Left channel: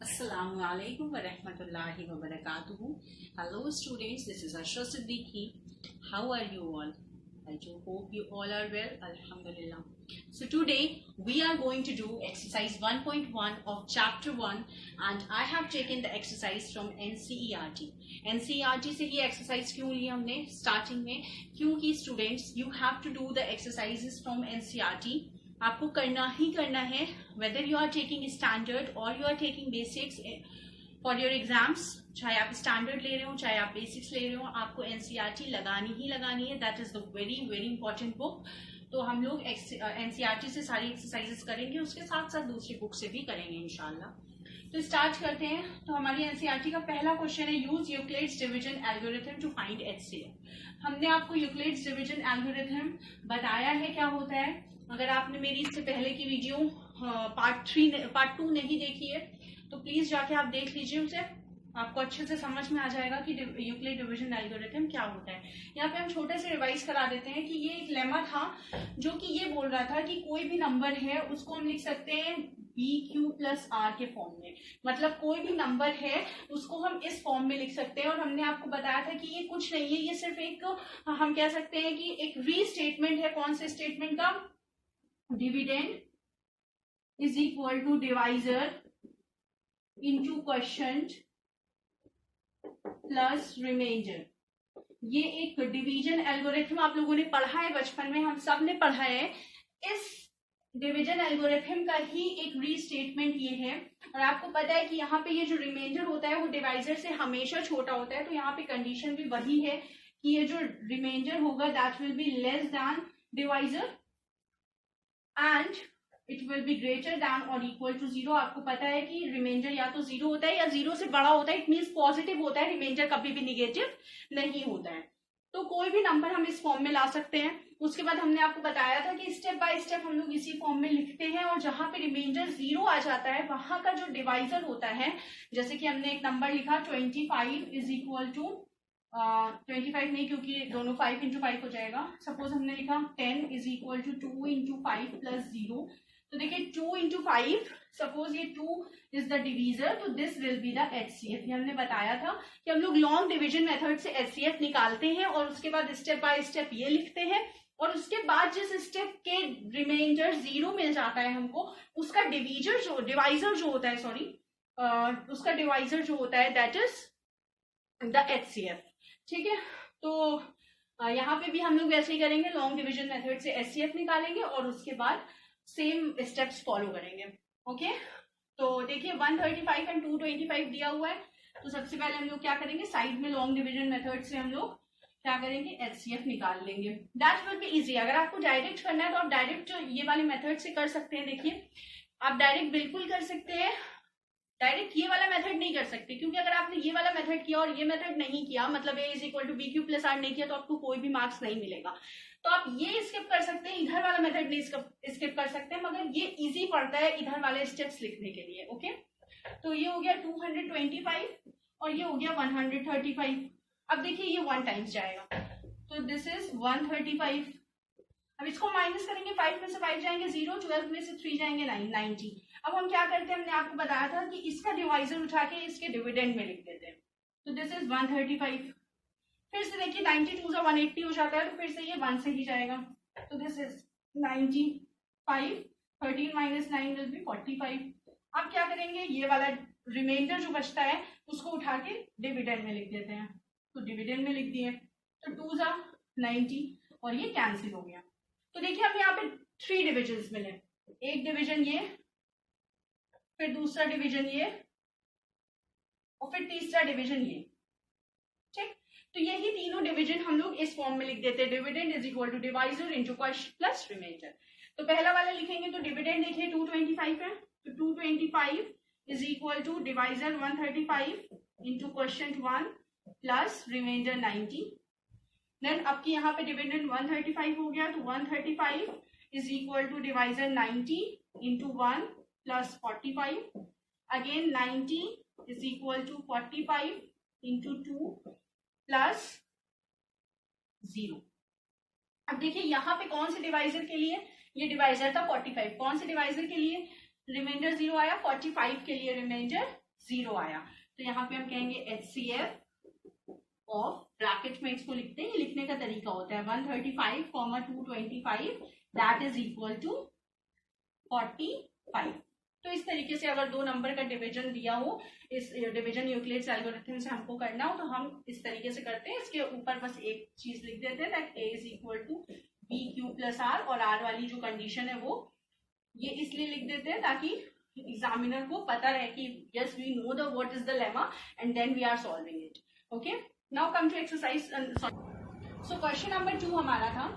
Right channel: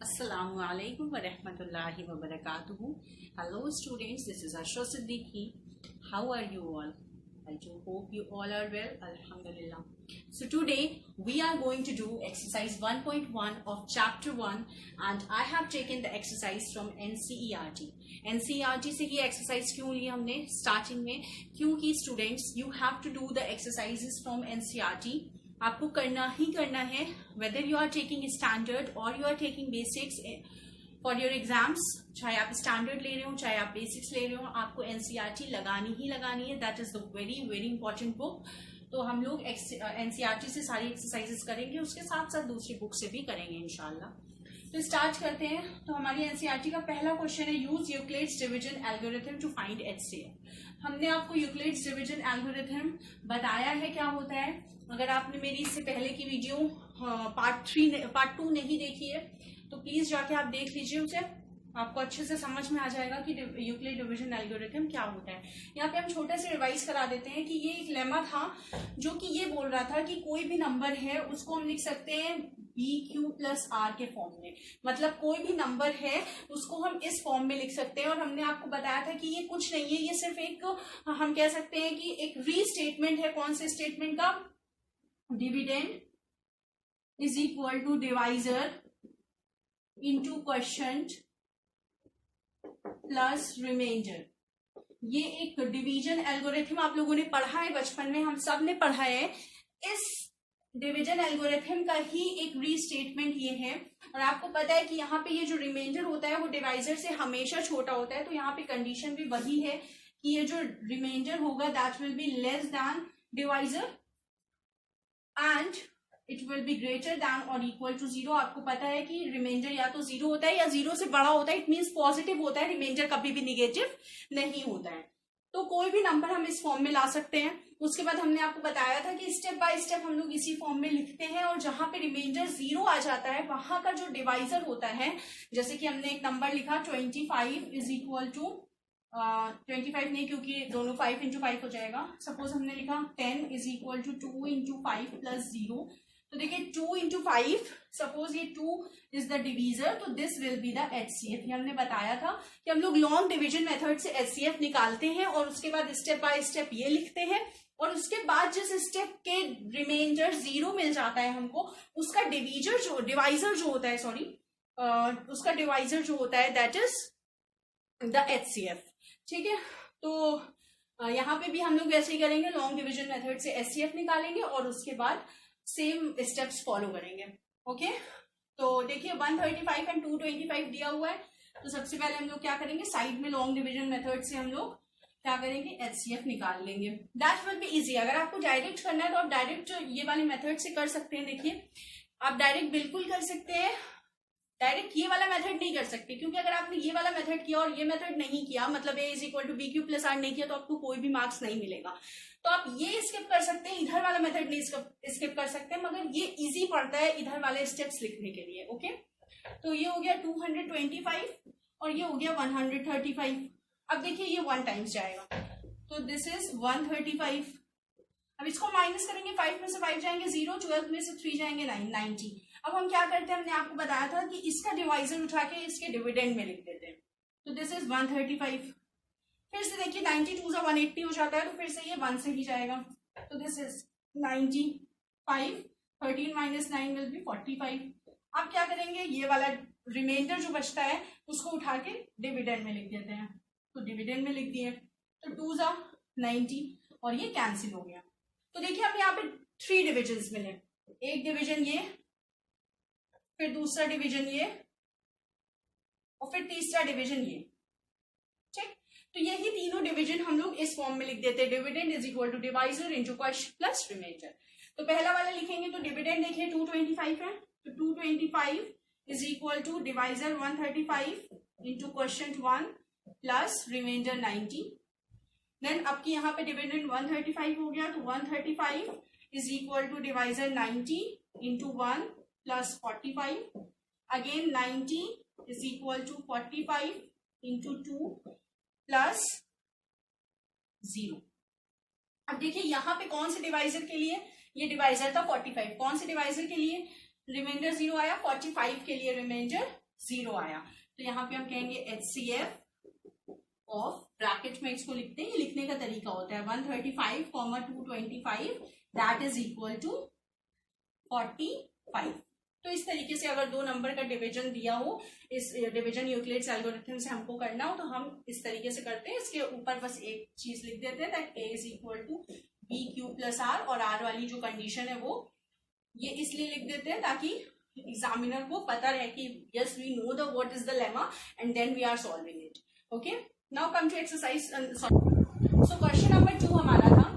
Assalamu alaikum wa rahmatullahi wa barakatuhu. Hello students, this is Ashra Siddiqui. How are you all? I do hope you all are well. Alhamdulillah. So today we are going to do exercise 1.1 of chapter 1 and I have taken the exercise from NCERT. NCERT से ये exercise क्यों ली हमने starting में? क्योंकि students you have to do the exercises from NCERT. आपको करना ही करना है whether you are taking standard और you are taking basics for your exams, चाहे आप स्टैंडर्ड ले रहे हो चाहे आप बेसिक्स ले रहे हो, आपको एनसीईआरटी लगानी ही लगानी है. That is the very very important book. तो हम लोग एनसीईआरटी से सारी एक्सरसाइजेस करेंगे, उसके साथ साथ दूसरी बुक से भी करेंगे इंशाल्लाह. तो स्टार्ट करते हैं. तो हमारी एनसीईआरटी का पहला क्वेश्चन है use Euclid's division algorithm to find HCF. हमने आपको यूक्लिड्स डिवीजन एल्गोरिथम बताया है क्या होता है. अगर आपने मेरी इससे पहले की वीडियो पार्ट 2 नहीं देखी है तो प्लीज जाके आप देख लीजिए उसे, आपको अच्छे से समझ में आ जाएगा कि यूक्लिड डिवीजन एल्गोरिथम क्या होता है. यहाँ पे हम छोटे से रिवाइज करा देते हैं कि ये एक लेमा था जो कि ये बोल रहा था कि कोई भी नंबर है उसको हम लिख सकते हैं BQ+R के फॉर्म में. मतलब कोई भी नंबर है उसको हम इस फॉर्म में लिख सकते हैं. और हमने आपको बताया था कि ये कुछ नहीं है, ये सिर्फ एक हम कह सकते हैं कि एक रीस्टेटमेंट है. कौन से स्टेटमेंट का? Dividend is equal to divisor into quotient plus remainder. ये एक डिवीजन एल्गोरिथम आप लोगों ने पढ़ा है बचपन में, हम सब ने पढ़ा है. इस डिवीजन एल्गोरिथम का ही एक रीस्टेटमेंट ये है. और आपको पता है कि यहाँ पे ये जो रिमाइंडर होता है वो डिवाइजर से हमेशा छोटा होता है. तो यहाँ पे कंडीशन भी वही है कि ये जो रिमाइंडर होगा that will be less than divisor and it will be greater than और इक्वल टू 0. आपको पता है कि रिमाइंडर या तो 0 होता है या 0 से बड़ा होता है. इट मीन्स पॉजिटिव होता है, रिमाइंडर कभी भी निगेटिव नहीं होता है. तो कोई भी नंबर हम इस फॉर्म में ला सकते हैं. उसके बाद हमने आपको बताया था कि स्टेप बाय स्टेप हम लोग इसी फॉर्म में लिखते हैं और जहां पे रिमाइंडर 0 आ जाता है वहां का जो डिवाइजर होता है, जैसे कि हमने एक नंबर लिखा 25 इज इक्वल टू 25 नहीं क्योंकि दोनों 5 इंटू 5 हो जाएगा. सपोज हमने लिखा 10 is equal to 2 into 5 plus 0. तो देखिए 2 इंटू 5, सपोज ये 2 इज द डिवीजर, तो this will be the HCF. ये हमने बताया था कि हम लोग लॉन्ग डिवीजन मेथड से एचसीएफ निकालते हैं और उसके बाद स्टेप बाय स्टेप ये लिखते हैं. और उसके बाद जिस स्टेप के रिमाइंडर 0 मिल जाता है हमको, उसका डिवाइजर जो होता है उसका डिवाइजर जो होता है दैट इज द एचसीएफ. ठीक है. तो यहाँ पे भी हम लोग ऐसे ही करेंगे, लॉन्ग डिवीजन मेथड से एचसीएफ निकालेंगे और उसके बाद सेम स्टेप्स फॉलो करेंगे. ओके. तो देखिए 135 एंड 225 दिया हुआ है. तो सबसे पहले हम लोग क्या करेंगे, साइड में लॉन्ग डिवीजन मेथड से हम लोग क्या करेंगे, एचसीएफ निकाल लेंगे. That will be easy. अगर आपको डायरेक्ट करना है तो आप डायरेक्ट ये वाले मेथड से कर सकते हैं. देखिए आप डायरेक्ट बिल्कुल कर सकते हैं, डायरेक्ट ये वाला मेथड नहीं कर सकते क्योंकि अगर आपने ये वाला मेथड किया और ये मेथड नहीं किया, मतलब a is equal to BQ+R नहीं किया, तो आपको कोई भी मार्क्स नहीं मिलेगा. तो आप ये स्किप कर सकते हैं, इधर वाला मेथड नहीं स्किप कर सकते हैं, मगर ये इजी पड़ता है इधर वाले स्टेप्स लिखने के लिए. ओके. तो ये हो गया 225 और ये हो गया 135. अब देखिए ये 1 टाइम्स जाएगा, तो दिस इज 135. अब इसको माइनस करेंगे, 5 में से 5 जाएंगे 0, 12 में से 3 जाएंगे 9, 90. अब हम क्या करते हैं, हमने आपको बताया था कि इसका डिवाइजर उठा के इसके डिविडेंड में लिख देते हैं. तो दिस इज 135. फिर से देखिए 92 से 180 हो जाता है, तो फिर से ये 1 से ही जाएगा. तो this is 95. 13 minus 9 will be 45. अब क्या करेंगे, ये वाला रिमाइंडर जो बचता है उसको उठा के डिविडेंड में लिख देते हैं. तो डिविडेंड में लिख दिए, तो 2 जा 90 और ये कैंसिल हो गया. तो देखिए हमें यहाँ पे 3 डिविजन्स मिले. एक डिवीजन ये, फिर दूसरा डिवीजन ये और फिर तीसरा डिवीजन ये. ठीक. तो यही तीनों डिवीजन हम लोग इस फॉर्म में लिख देते हैं, dividend is equal to divisor into quotient plus remainder. तो पहला वाला लिखेंगे तो डिविडेंड देखिए 225 है, तो 225 is equal to divisor 135 into quotient 1 plus remainder 90. Then अब की यहाँ पे डिविडेंड 135 हो गया, तो 135 is equal to divisor 90 into 1 plus 45. Again 90 is equal to 45 into 2 plus 0. अब देखिए यहाँ पे कौन से डिवाइजर के लिए, ये डिवाइजर था 45. कौन से डिवाइजर के लिए रिमाइंडर 0 आया? 45 के लिए रिमाइंडर 0 आया, तो यहाँ पे हम कहेंगे HCF ऑफ, ब्रैकेट में इसको लिखते हैं, लिखने का तरीका होता है 135, 225 दैट इज इक्वल टू 45। तो इस तरीके से अगर दो नंबर का डिवीजन दिया हो, इस डिवीजन यूक्लिड्स एल्गोरिथम से हमको करना हो, तो हम इस तरीके से करते हैं। इसके ऊपर बस एक चीज लिख देते हैं that A is equal to BQ plus R, और R वाली जो कंडीशन है वो ये इसलिए लिख देते हैं ताकि एग्जामिनर को पता रहे कि yes we know the what is the lemma and then we are solving it. Okay, now come to exercise. So question number 2 हमारा था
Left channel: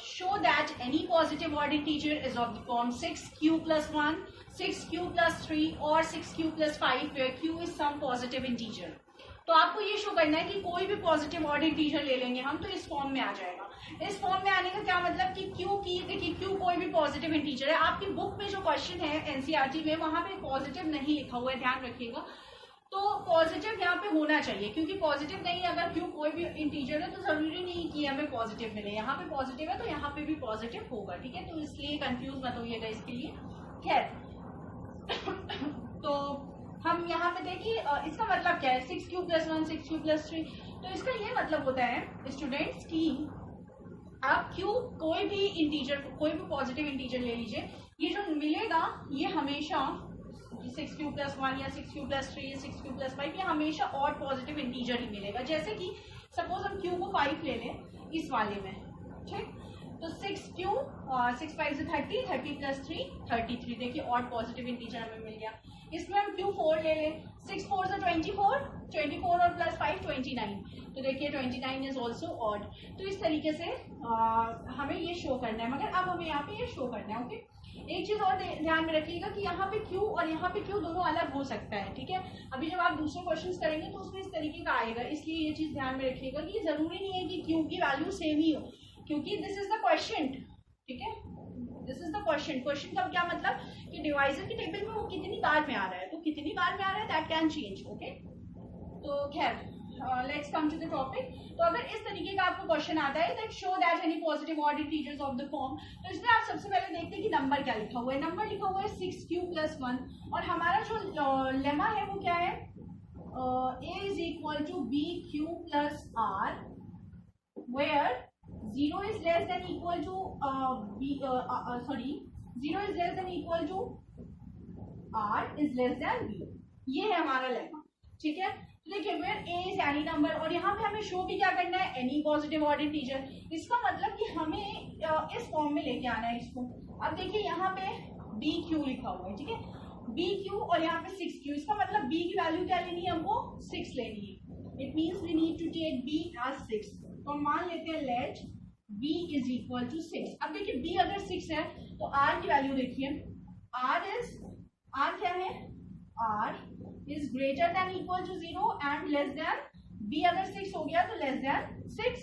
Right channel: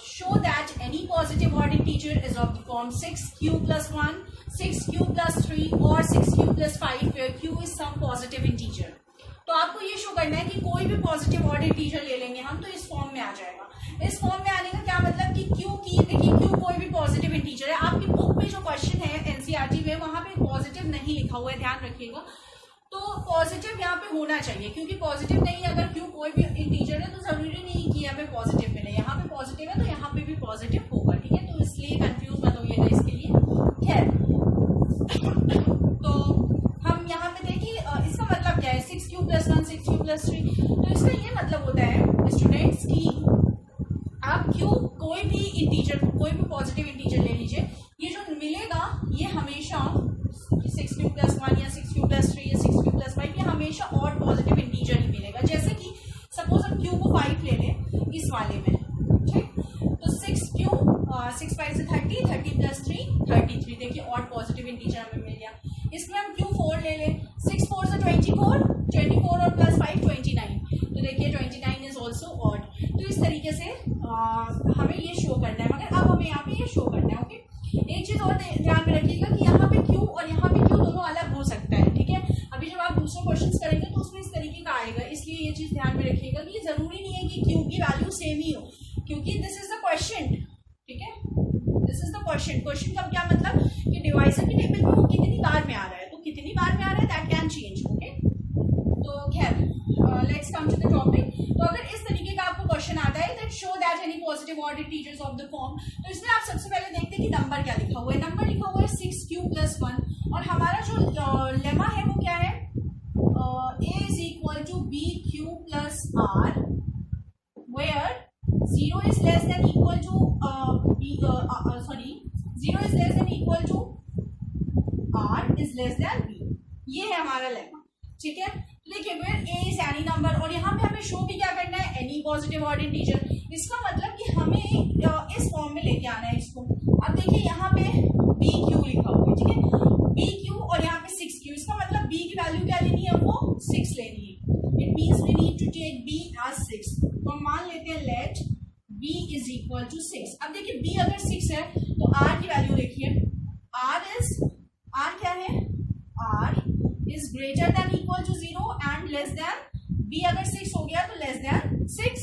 show that any positive odd integer is of the form 6q plus 1, 6q plus 3 or 6q plus 5 where q is some positive integer। तो आपको ये show करना है कि कोई भी पॉजिटिव ऑड इंटीजर ले लेंगे हम तो इस फॉर्म में आ जाएगा। इस फॉर्म में आने का क्या मतलब कि q की, देखिए q कोई भी पॉजिटिव इंटीजर है। आपकी बुक में जो क्वेश्चन है एनसीईआरटी में वहां पे पॉजिटिव नहीं लिखा हुआ है, ध्यान रखिएगा। तो पॉजिटिव यहाँ पे होना चाहिए, क्योंकि पॉजिटिव नहीं, अगर q कोई भी इंटीजर है तो जरूरी नहीं कि हमें पॉजिटिव मिले। यहाँ पे पॉजिटिव है तो यहाँ पे भी पॉजिटिव होगा, ठीक है। तो इसलिए कंफ्यूज मत होइएगा इसके लिए। खैर, तो हम यहाँ पे देखिए इसका मतलब क्या है, 6q प्लस 1, 6q प्लस 3। तो इसका ये मतलब होता है स्टूडेंट्स की आप q कोई भी इंटीजर, कोई भी पॉजिटिव इंटीजर ले लीजिए, ये जो मिलेगा ये हमेशा 6q प्लस 1 या 6q प्लस 3 या 6q प्लस 5 ये हमेशा ऑड पॉजिटिव इंटीजर ही मिलेगा। जैसे कि सपोज हम q को 5 ले लें इस वाले में, ठीक, तो 6q 6 5 से 30, 30 प्लस 3 33, देखिए ऑड पॉजिटिव इंटीजर हमें मिल गया। इसमें हम q 4 ले लें, 6 4 से 24, 24 और प्लस 5 29, तो देखिए 29 इज ऑल्सो ऑड। तो इस तरीके से हमें ये शो करना है, मगर अब हमें यहाँ पे ये शो करना है। ओके, एक चीज और ध्यान में रखिएगा कि यहाँ पे q और यहाँ पे q दोनों अलग हो सकता है, ठीक है। अभी जब आप दूसरे क्वेश्चंस करेंगे तो उसमें इस तरीके का आएगा, इसलिए ये चीज ध्यान में रखिएगा कि जरूरी नहीं है कि q की वैल्यू सेम ही हो, क्योंकि दिस इज द क्वेश्चन, ठीक है। This is the question. Question का क्या मतलब कि डिवाइजर की टेबल में वो कितनी बार में आ रहा है, तो कितनी बार में आ रहा है दैट कैन चेंज। ओके, तो खैर let's come to the topic. तो अगर इस तरीके का आपको क्वेश्चन आता है that show that any positive odd integers of the form, तो इसमें आप सबसे पहले देखते हैं कि नंबर क्या लिखा हुआ है। नंबर लिखा हुआ है 6q प्लस 1, और हमारा जो लेमा है वो क्या है, a is equal to bq plus r where 0 is less than equal to 0 is less than equal to r is less than b। ये है हमारा लेमा, ठीक है। देखिए where a is any number, और यहाँ पे हमें शो भी क्या करना है, एनी पॉजिटिव ऑड इंटीजर। इसका मतलब कि हमें इस फॉर्म में लेके आना है इसको। अब देखिए यहाँ पे bq लिखा हुआ है, ठीक है, bq और यहाँ पे 6q, इसका मतलब b की वैल्यू क्या लेनी है, वो 6 लेनी है। It means we need to take b as 6। तो हम मान लेते हैं let b is equal to 6। अब देखिए b अगर 6 है तो r की वैल्यू लिखिए, r क्या है, r is greater than equal to 0 and less than, b अगर 6 हो गया तो लेस देन 6।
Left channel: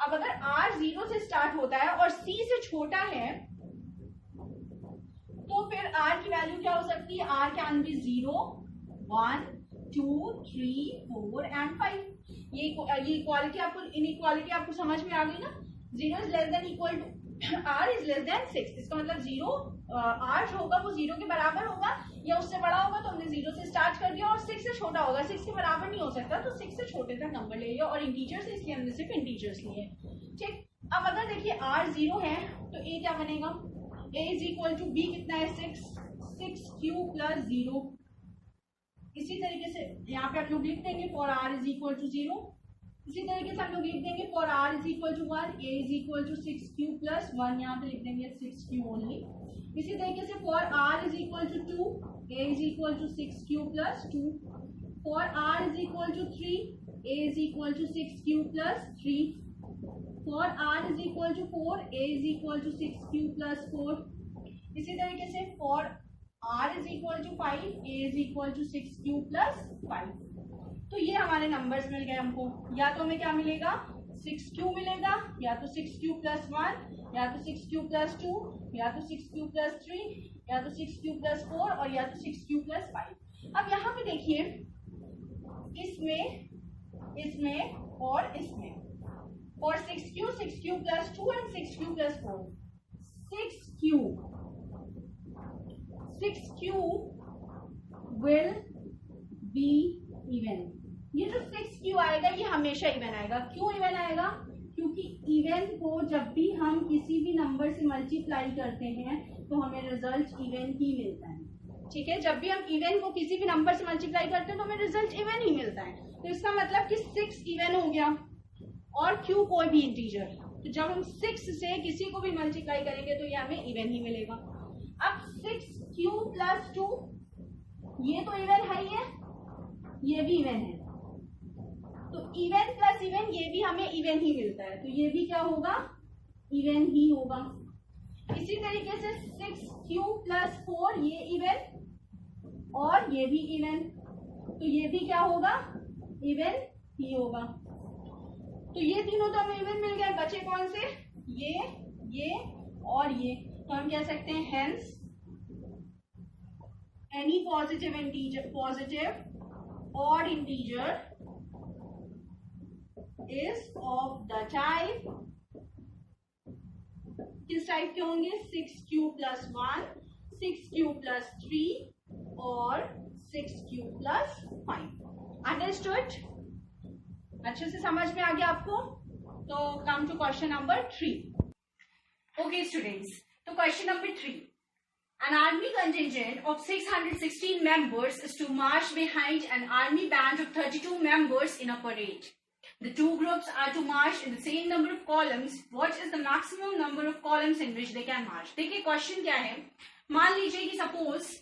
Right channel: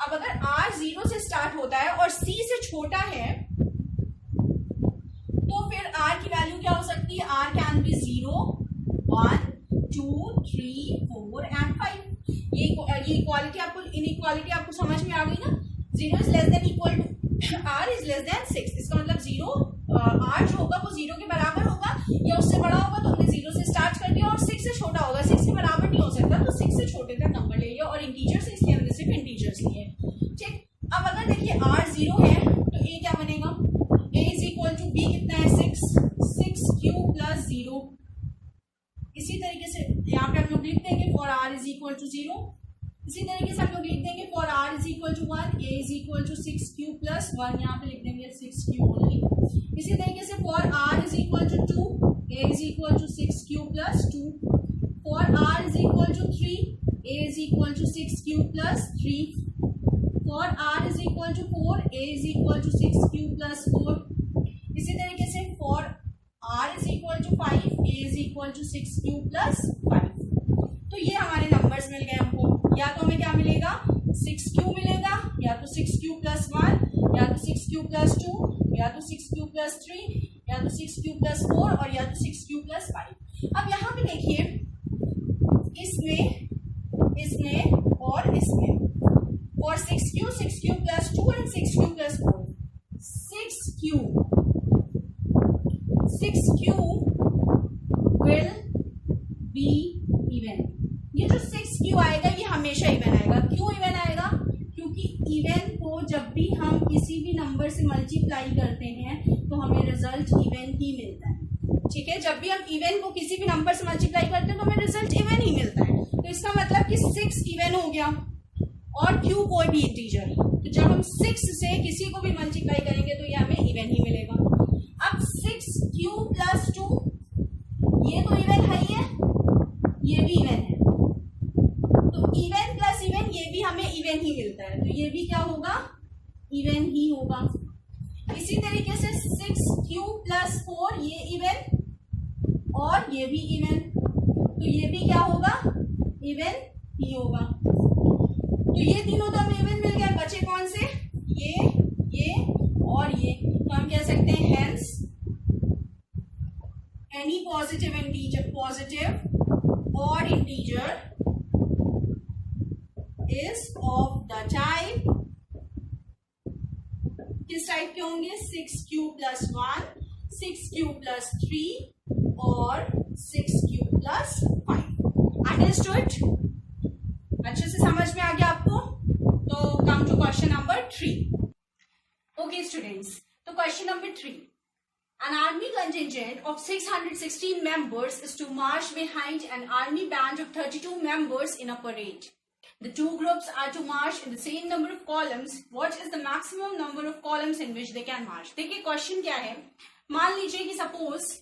अब अगर r 0 से स्टार्ट होता है और c से छोटा है तो फिर r की वैल्यू क्या हो सकती है, r कैन बी 0 1 2 3 4 एंड 5। ये इक्वालिटी आपको, इनइक्वालिटी आपको समझ में आ गई ना। 0 is less than equal to r is less than 6, इसका मतलब 0 r जो होगा वो 0 के बराबर होगा या उससे बड़ा होगा, तो हमने 0 से स्टार्ट कर दिया, और 6 से छोटा होगा, 6 के बराबर नहीं हो सकता, तो 6 से छोटे तक नंबर ले लिया, और इंटीजर्स इसलिए हमने सिर्फ इंटीजर्स लिए, ठीक। अब अगर देखिए r 0 है तो a क्या बनेगा, a is equal to b कितना है 6q प्लस 0। इसी तरीके से यहाँ पे आप लोग लिख देंगे for r is equal to 0। इसी तरीके से हम लोग लिख देंगे for r is equal to 1, a is equal to 6q plus 1, यहाँ पे लिख देंगे 6q ओनली। इसी तरीके से for r is equal to 2, a is equal to 6q plus 2। For r is equal to 3, a is equal to 6q plus 3। For r is equal to 4, a is equal to 6q plus 4। इसी तरीके से for r is equal to 5, a is equal to 6q plus 5। तो ये हमारे numbers मिल गए हमको। या तो हमें क्या मिलेगा, 6q मिलेगा, या तो 6q प्लस 1, या तो 6q प्लस 2, या तो 6q प्लस 3, या तो 6q प्लस 4, और या तो 6q प्लस 5। अब यहाँ पे देखिए इसमें और इसमें, और 6q plus 2 and 6q plus 4, 6q will हमेशा इवन आएगा। क्यों इवन आएगा? क्योंकि इवन को जब भी हम किसी भी नंबर से मल्टीप्लाई करते हैं तो हमें रिजल्ट इवन ही मिलता है। ठीक है, जब भी हम इवन को किसी भी नंबर से मल्टीप्लाई करते हैं तो हमें रिजल्ट इवन ही मिलता है। तो इसका मतलब कि 6 इवन हो गया और क्यू कोई भी इंटीजर। तो जब हम 6 से किसी को भी मल्टीप्लाई करेंगे तो ये हमें इवन ही मिलेगा। अब 6q + 2 ये तो इवन है ही है, ये भी इवन है, तो इवन प्लस इवन ये भी हमें इवन ही मिलता है, तो ये भी क्या होगा? इवन ही होगा। इसी तरीके से 6q + 4 ये इवन और ये भी इवन, तो ये भी क्या होगा? इवन ही होगा। तो ये तीनों तो हमें इवन मिल गया, बचे कौन से? ये और ये। तो हम कह सकते हैं hence any positive integer, positive और integer is of the type, किस टाइप के होंगे? 6q + 1, 6q + 3 और 6q + 5। अंडरस्टूड? अच्छे से समझ में आ गया आपको? तो come to question number 3। Okay students, तो question number 3, an army contingent of 616 members is to march behind an army band of 32 members in a parade. The two groups are to march in the same number of columns. What is the maximum number of columns in which they can march? देखिए question क्या है, मान लीजिए कि suppose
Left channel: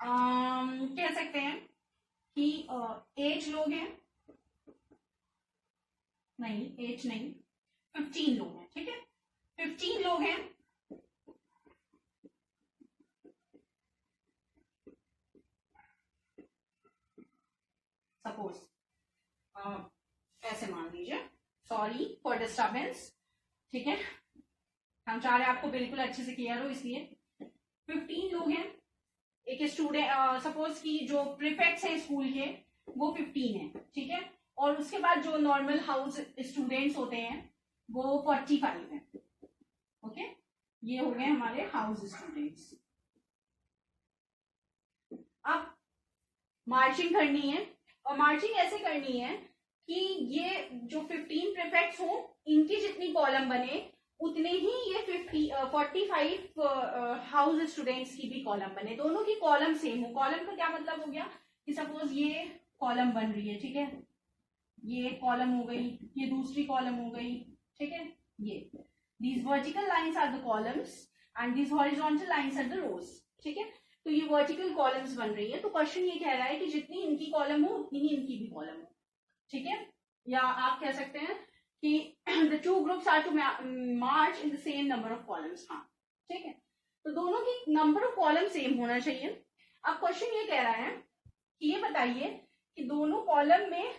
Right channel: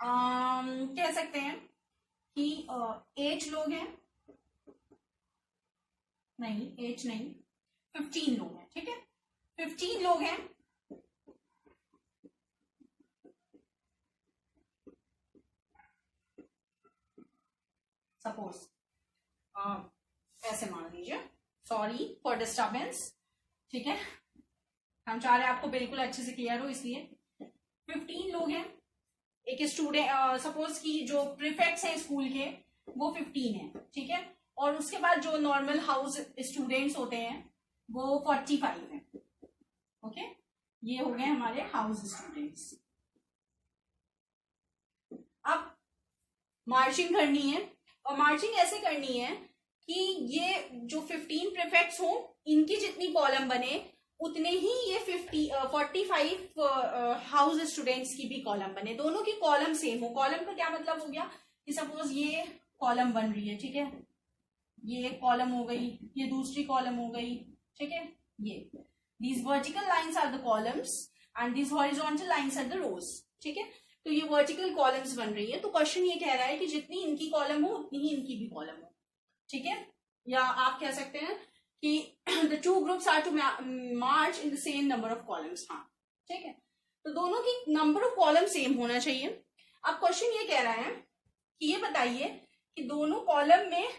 कह सकते हैं कि 8 लोग हैं, नहीं 8 नहीं, 15 लोग हैं। ठीक है, 15 लोग हैं, सपोज ऐसे मान लीजिए, सॉरी फॉर डिस्टर्बेंस। ठीक है, हम चाह रहे हैं आपको बिल्कुल अच्छे से क्लियर हो, इसलिए 15 लोग हैं। एक स्टूडेंट सपोज कि जो प्रीफेक्ट्स हैं स्कूल के वो 15 हैं। ठीक है, और उसके बाद जो नॉर्मल हाउस स्टूडेंट्स होते हैं वो 45 हैं। ओके, ये हो गए हमारे हाउस स्टूडेंट्स। अब मार्चिंग करनी है, और मार्चिंग ऐसे करनी है कि ये जो 15 प्रीफेक्ट्स हो इनकी जितनी कॉलम बने उतने ही ये 45 हाउस स्टूडेंट्स की भी कॉलम बने, दोनों की कॉलम सेम हो। कॉलम का क्या मतलब हो गया कि सपोज ये कॉलम बन रही है, ठीक है, ये एक कॉलम हो गई, ये दूसरी कॉलम हो गई। ठीक है, ये these vertical lines are the columns and these horizontal lines are the rows। ठीक है, तो ये वर्टिकल कॉलम्स बन रही है। तो क्वेश्चन ये कह रहा है कि जितनी इनकी कॉलम हो उतनी ही इनकी भी कॉलम हो। ठीक है, या आप कह सकते हैं कि the two groups are to march in the same number of columns। हाँ, ठीक है, तो दोनों की नंबर ऑफ कॉलम सेम होना चाहिए। अब क्वेश्चन ये कह रहा है कि ये बताइए कि दोनों कॉलम में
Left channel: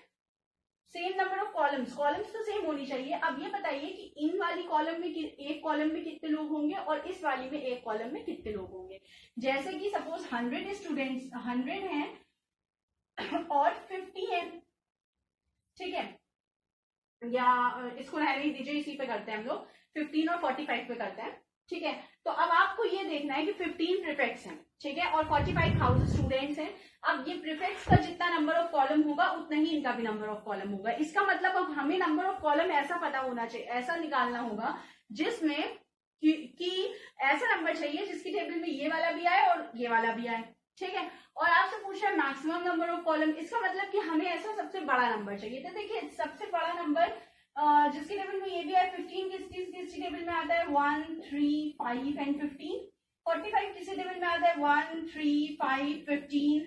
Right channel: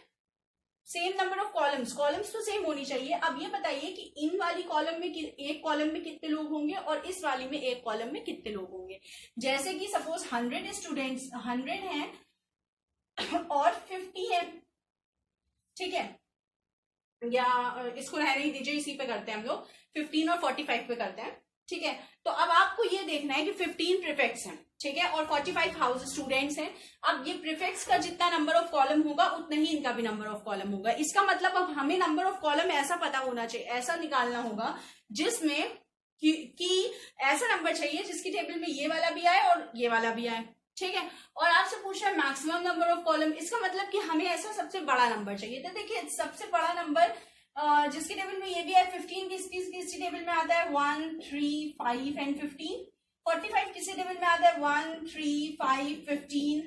सेम नंबर ऑफ कॉलम्स तो सेम होनी चाहिए। अब ये बताइए कि इन वाली कॉलम में एक कॉलम में कितने लोग होंगे और इस वाली में एक कॉलम में कितने लोग होंगे। जैसे कि सपोज 100 स्टूडेंट्स 100 हैं और 50 हैं। ठीक है, या इसको रहने ही दीजिए, इसी पे करते हैं हम लोग, 15 और 45 पे करते हैं। ठीक है, तो अब आपको ये देखना है कि 15 प्रीफेक्ट्स हैं, ठीक है, और 45 हाउस स्टूडेंट्स हैं। अब ये प्रीफेक्ट्स का जितना नंबर ऑफ कॉलम होगा उतना ही इनका भी नंबर ऑफ कॉलम होगा। इसका मतलब अब हमें नंबर ऑफ कॉलम ऐसा पता होना चाहिए, ऐसा निकालना होगा जिसमें कि ऐसा नंबर चाहिए जिसकी टेबल में ये वाला भी आए और ये वाला भी आए। ठीक है, और आपसे पूछा है मैक्सिमम नंबर ऑफ कॉलम, इसका मतलब कि हमें ऐसा सबसे बड़ा नंबर चाहिए। तो देखिए सबसे बड़ा नंबर जिसकी टेबल में ये भी है 15, किसकी टेबल में आता है 1, 3, 5 एंड 15। 45 किसी टेबल में आता है 1, 3, 5, 15।